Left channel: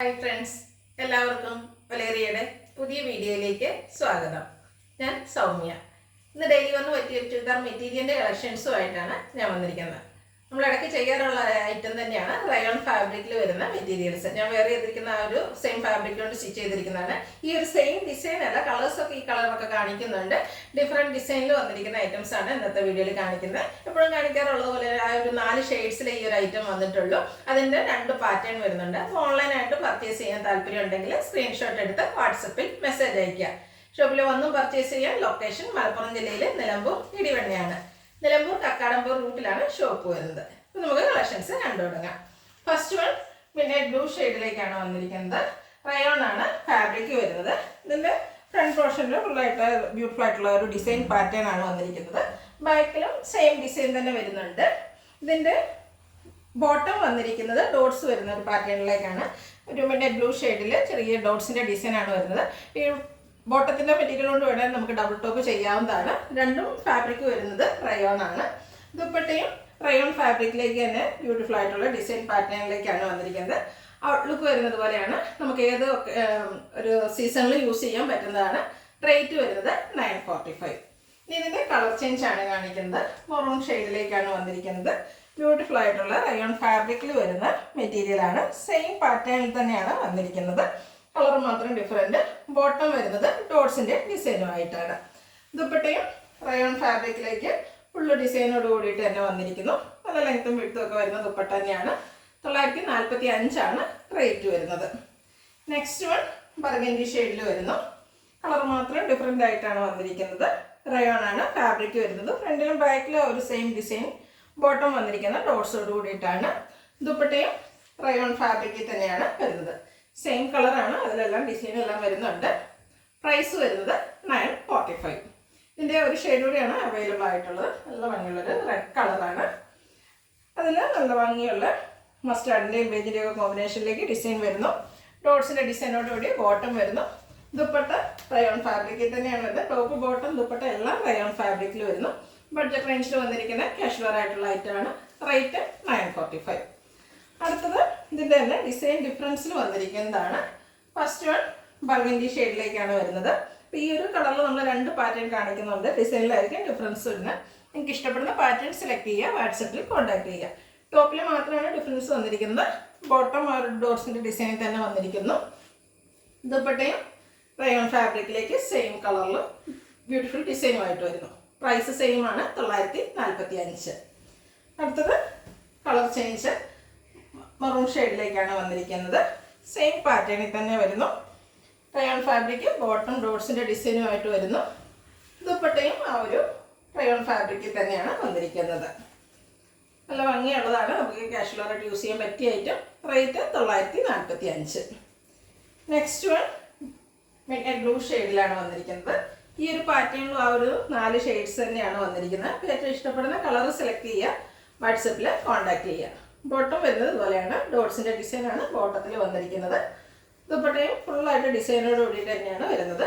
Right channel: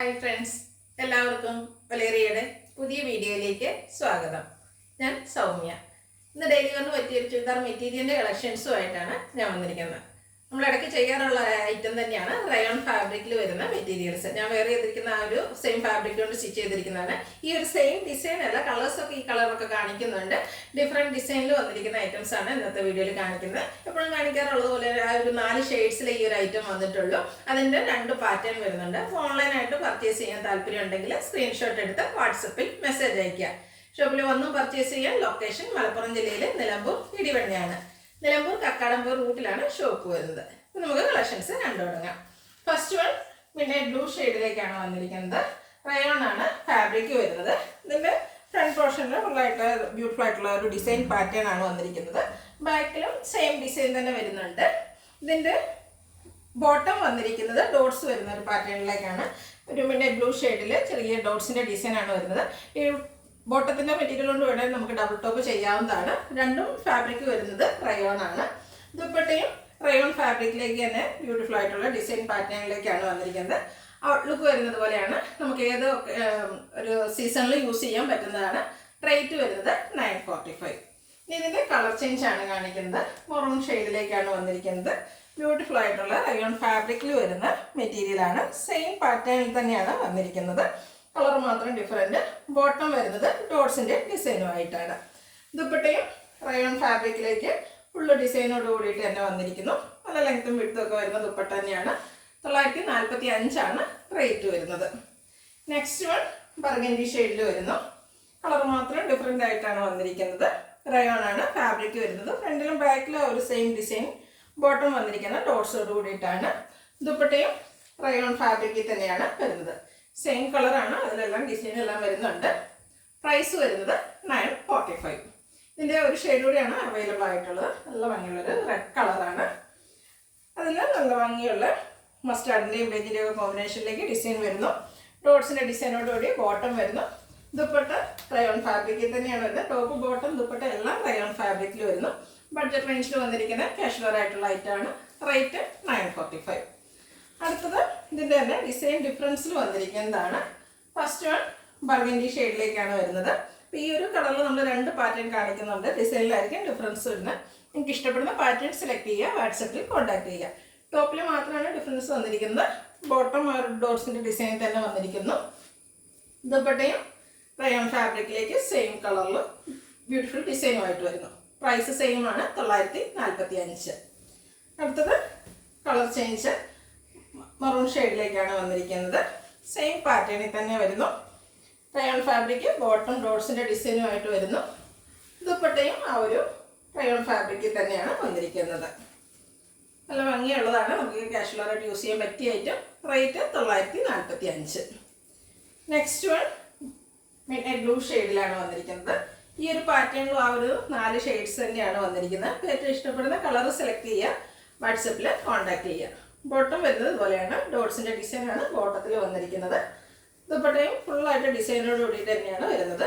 Hi friends, എല്ലാവർക്കും വലേറിയയുടെ പുതിയ വീഡിയോയിലേക്ക് സ്വാഗതം. ഞാൻ സൗമ്യ. ഇന്ന് ഡെയിലി വന്ന് പറ്റിയ ചുരിദാർ മെറ്റീരിയലിൻ്റെ കളക്ഷൻസുമായിട്ടാണ് ഞാൻ വന്നിരിക്കുന്നത്. നമ്മൾ ഇടയ്ക്ക് ചെയ്യാറുള്ള ഐറ്റം തന്നെയാണ് റയോൺ ഫാബ്രിക്കിൽ വരുന്ന മെറ്റീരിയൽസ്. ഞാൻ വേറെ ചെയ്തിരിക്കുന്ന ആ ഒരു സെയിം ഫാബ്രിക് കൊണ്ട് സ്റ്റിച്ച് ചെയ്തിരിക്കുന്നതാണ്. ഈ ഒരു സെയിം ഡിസൈൻ അല്ല, കളേഴ്സൊക്കെ ഈ കളറൊക്കെ കാണിക്കുന്നുണ്ട്. ഡിഫറെൻറ്റ് ഡിസൈനിൽ വന്നിരിക്കുന്ന ഐറ്റംസ് ആണ് ഇന്നത്തെ വീഡിയോയിൽ കാണിക്കുന്നത്. എപ്പോഴും കാണിക്കാറുള്ളത് പോലെ ആ ഒരു 4 ഷെയ്ഡ്സിലെ ഈ ഒരു ഐറ്റം വന്നിട്ടുള്ളൂ. അതിൻ്റെ 2 പാറ്റേൺ വരുന്നുണ്ട്. അപ്പോൾ ഓൺലൈനായിട്ട് പർച്ചേസ് ചെയ്യാൻ താല്പര്യം ഉണ്ടെങ്കിൽ സ്ക്രീൻഷോട്ട് എടുത്ത് വാട്സപ്പിൽ മെസ്സേജ് അയയ്ക്കുക. ഷോപ്പിൽ വന്നും പർച്ചേസ് ചെയ്യാൻ ലൊക്കേഷൻ മലപ്പുറം ജില്ലയിലെ നിലമ്പൂർ ഇടിവണ്ണയാണ്. നിലമ്പൂർ കക്കാടമ്പൂർ റൂട്ടിലാണ് ഷോപ്പ് വരുന്നത്. അപ്പോൾ നമുക്ക് കളക്ഷൻസ് കണ്ടു തുടങ്ങാം. ഫസ്റ്റ് വൺ മിഡ്നൈറ്റ് ബ്ലൂ ഷെയ്ഡിലേക്കാണ് വന്നിരിക്കുന്നത്. റയോൺ ആണ് ഫാബ്രിക് വരുന്നത്. ഇതിൻ്റെ ഫ്രണ്ട് പോർഷനിൽ ഫുള്ളായിട്ട് ബ്യൂട്ടിഫുൾ ആയിട്ടുള്ള ഒരു ഡിസൈൻ പാറ്റേൺ ആണ് വന്നിരിക്കുന്നത്. ബാക്കിലും സെയിം ഡിസൈൻ തന്നെ വരുന്നുണ്ട്. ഇതിൻ്റെ ബോട്ടം വന്നിരിക്കുന്നത് ഡോട്ട്സ് വരുന്ന ഒരു പാറ്റേണിലേക്കാണ്. ഒരു മിഡ്നൈറ്റ് ബ്ലൂ ഷെയ്ഡിൽ ചെറിയ ഡോട്ട്സിൻ്റെ ഡിസൈനാണ് വരുന്നത്. ഈ ബോട്ടത്തിൻ്റെ മെറ്റീരിയൽ കൊണ്ട് വേണമെങ്കിൽ നമുക്ക് ഡബിൾ ടോപ്പ് ചെയ്യാവുന്നതാണ്. രണ്ടും ഫാബ്രിക് വരുന്നത് റയോൺ ആണ്. ദുപ്പട്ടയും റയോൺ ഫാബ്രിക്കിലേക്ക് തന്നെ ബ്യൂട്ടിഫുൾ ആയിട്ടുള്ള ഡിസൈൻ പാറ്റേണിലേക്കാണ് വന്നിരിക്കുന്നത്. ഔട്ട്ലുക്ക് വരുന്നത് പോലെയാണ്. നമുക്ക് ഏത് ഒരു സീസണിൽ യൂസ് ചെയ്യാൻ പറ്റുന്നതാണ്. റേറ്റ് വരുന്നത് 945. ഇനി ഇതിൻ്റെ കളർ ചേഞ്ച് ആണ് കാണിക്കുന്നത്. മെറൂൺ ഷെയ്ഡിലേക്കാണ് വന്നിരിക്കുന്നത്. ബ്യൂട്ടിഫുൾ ആയിട്ടുള്ള റയോൺ ഫാബ്രിക്കിൽ വരുന്ന മെറ്റീരിയലാണ്. സെയിം പാറ്റേണിൽ തന്നെയാണ് വന്നിരിക്കുന്നത്. കളർ മാത്രം ഡിഫറൻറ്റ്. ബോട്ടം വരുന്നത് ഡോട്ട്സിൻ്റെ ഡിസൈനുമായിട്ടാണ്. ദുപ്പട്ടയും റയോൺ ഫാബ്രിക്കിലേക്ക് ഫുള്ള് ഡിസൈനോട് കൂടിയിട്ട് തന്നെ വന്നിരിക്കുന്നു. നല്ല ലെങ്ത്തും വിഡ്ത്തും ഒക്കെ വരുന്ന ദുപ്പട്ട തന്നെയാണ്. 945 റേറ്റ് വരുന്നത്. നെക്സ്റ്റ് വൺ ബർഗൻഡി ഷെയ്ഡിൽ വരുന്നു. കളർ മാത്രം ഡിഫറെൻ്റ് ആയിട്ടാണ് വന്നിരിക്കുന്നത്. റയോൺ ആണ് ഫാബ്രിക് വരുന്നത്. ഫ്രണ്ടിലും ബാക്കിലും ഒരു സെയിം ഡിസൈൻ. ബോട്ടം വന്നിരിക്കുന്ന ഡോട്ട്സോട് കൂടിയിട്ടാണ്. ദുപ്പട്ടയും റയോൺ ഫാബ്രിക്കിൽ തന്നെയാണ് വരുന്നത്. സെയിം കളറാണ്, അതിലെല്ലാം ഡിസൈൻ എല്ലാം വരുന്നുണ്ട്. പ്രൈസ് വരുന്നത് 945. ഇതിൻ്റെ ഒരു ഷെയ്ഡ് കൂടിയാണ് അവൈലബിൾ ആയിട്ടുള്ളത്. നല്ല ഭംഗിയുള്ളൊരു റെഡ് കളറാണ്. അതിൽ നല്ല ഭംഗിയുള്ള മസ്റ്റാർഡിൻ്റെയും ബേജിൻ്റെയും ഒക്കെ കോമ്പിനേഷനിലേക്ക് ഡിസൈൻ വരുന്നു. ഡോട്ട്സിൻ്റെ ഡിസൈനോടുകൂടി ബോട്ടം വരുന്നു. ദുപ്പട്ട റയോൺ ഫാബ്രിക്കിൽ തന്നെയാണ് വരുന്നത്. ടോപ്പ് ബോട്ടം ദുപ്പട്ട എല്ലാം റയോൺ ഫാബ്രിക്കിൽ വരുന്നു. ബഡ്ജറ്റ് റേഞ്ചിൽ വന്നിരിക്കുന്ന കാഷ്വൽ ആയിട്ടുള്ള ഐറ്റമാണ്. റേറ്റ് 945. അടുത്തത് ഇതിൻ്റെ തന്നെ ഡിസൈൻ ഡിഫറൻസിൽ വന്നിരിക്കുന്നതാണ്. ഫസ്റ്റ് വൺ ബർഗൻഡി ഷെയ്ഡിലേക്കാണ് വരുന്നത്. അപ്പോൾ ഈ ഒരു കളറിൽ നമ്മൾ 2 പാറ്റേൺ കാണിക്കുന്നുണ്ട്. ഡിസൈനിലായിരിക്കും ഡിഫറൻസ് വരുന്നത്. നിങ്ങൾക്ക് ഇഷ്ടപ്പെടുന്ന പാറ്റേൺ സെലക്ട് ചെയ്യുക, വാട്സപ്പിൽ കോൺടാക്ട് ചെയ്യുക. ടോപ്പിൽ മാത്രമാണ് ഡിഫറൻസ് വന്നിരിക്കുന്നത്. ബോട്ടം ഒരു ഡോട്ട്സിൻ്റെ ഡിസൈനിൽ തന്നെ വന്നിരിക്കുന്നു. ദുപ്പട്ടയും റയോൺ ഫാബ്രിക്കിലേക്ക് സെയിം കളറിൽ ബ്യൂട്ടിഫുൾ ഡിസൈനുമായിട്ട് വരുന്നു. പ്രൈസ് സെയിം ആണ്, 945. അടുത്തത് കളർ ചേഞ്ച് മെറൂൺ ഷെയ്ഡിലേക്കാണ് വന്നിരിക്കുന്നത്. സെയിം പാറ്റേണിൽ തന്നെ വരുന്നു. റയോൺ ഫാബ്രിക് ബോട്ടം ഡോട്ട്സിൻ്റെ ഡിസൈനുമായിട്ട് വരുന്നു. ദുപ്പട്ടയും ആ ഒരു റയോൺ ഫാബ്രിക്കിൽ തന്നെയാണ് വന്നിരിക്കുന്നത്. നല്ല ഭംഗിയുള്ളതാണ്. നമുക്ക് കാഷ്വലായിട്ട് യൂസ് ചെയ്യാൻ പറ്റിയ item. Rate 945. Next one midnight blue ഷെയ്ഡിലാണ് വന്നിരിക്കുന്നത്. ഈ ഒരു പാറ്റേണിലും ആ ഒരു 4 ഷെയ്ഡ്സ് തന്നെയാണ് വന്നിരിക്കുന്നത്. ഏറ്റവും ഇഷ്ടപ്പെടുന്ന കളർ സെലക്ട് ചെയ്യുക, വാട്സപ്പിൽ കോൺടാക്ട് ചെയ്യുക. ബോട്ടം വരുന്നത് ഇതുപോലെയാണ്. ഡോട്ട്സിൻ്റെ ഡിസൈനാണ് ബോട്ടത്തിൽ വന്നിരിക്കുന്നത്. ദുപ്പട്ടയും ഫുള്ളായിട്ട് ഡിസൈനോട് കൂടിയിട്ട് തന്നെയാണ് വരുന്നത്.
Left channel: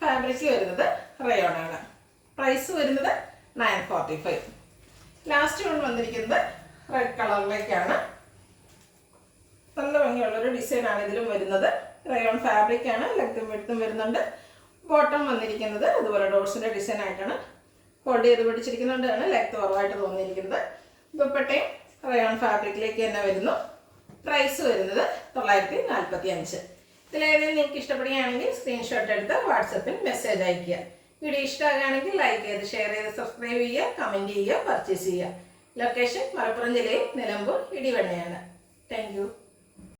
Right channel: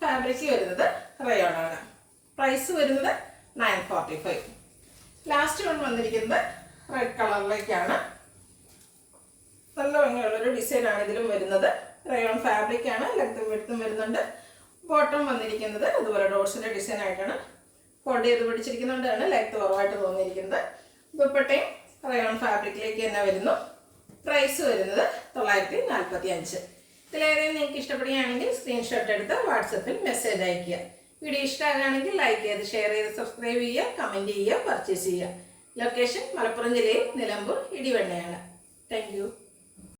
ഫാബ്രിക് വരുന്നത് റയോൺ ആണ്. പ്രൈസ് വരുന്നത് 945. ലാസ്റ്റ് വൺ വന്നിരിക്കുന്നത് റെഡ് കളറിലേക്കാണ്. നല്ല ഭംഗിയുള്ളൊരു ഡിസൈനാണ് ഇതിലും വരുന്നത്. റയോൺ ഫാബ്രിക് ആണ്. ലെങ്ത്തും വിഡ്ത്തും വരുന്നുണ്ട്. ബോട്ടം വന്നിരിക്കുന്നത് അതുപോലെ ഡോട്ട്സിൻ്റെ ഡിസൈൻ ആയിട്ടാണ്. ഫോൾഡ് ചെയ്ത് പിടിച്ചിരിക്കുന്നതുകൊണ്ടാണ് ലെങ്ത്ത് കുറവായിട്ട് തോന്നിയിരിക്കുന്നത്. ദുപ്പട്ടയും റയോൺ ഫാബ്രിക്കിലേക്ക് തന്നെ വരുന്നു. പ്രൈസ് വരുന്നത് 945. ഇതിലേതെങ്കിലും നിങ്ങൾക്ക് ഇഷ്ടപ്പെടുകയാണെങ്കിൽ സ്ക്രീൻഷോട്ട് എടുത്ത് വാട്സപ്പിൽ മെസ്സേജ് അയയ്ക്കുക. വീഡിയോ ഇഷ്ടമാകുകയാണെങ്കിൽ ലൈക്ക് ചെയ്ത് ഷെയർ ചെയ്ത് സബ്സ്ക്രൈബ് ചെയ്യുക, കമൻറ്റ് ചെയ്യുക, പർച്ചേസ് ചെയ്യുക. ലൊക്കേഷൻ മലപ്പുറം ജില്ലയിൽ നിലമ്പൂർ ഇടിവണ്ണയാണ്. Thank you.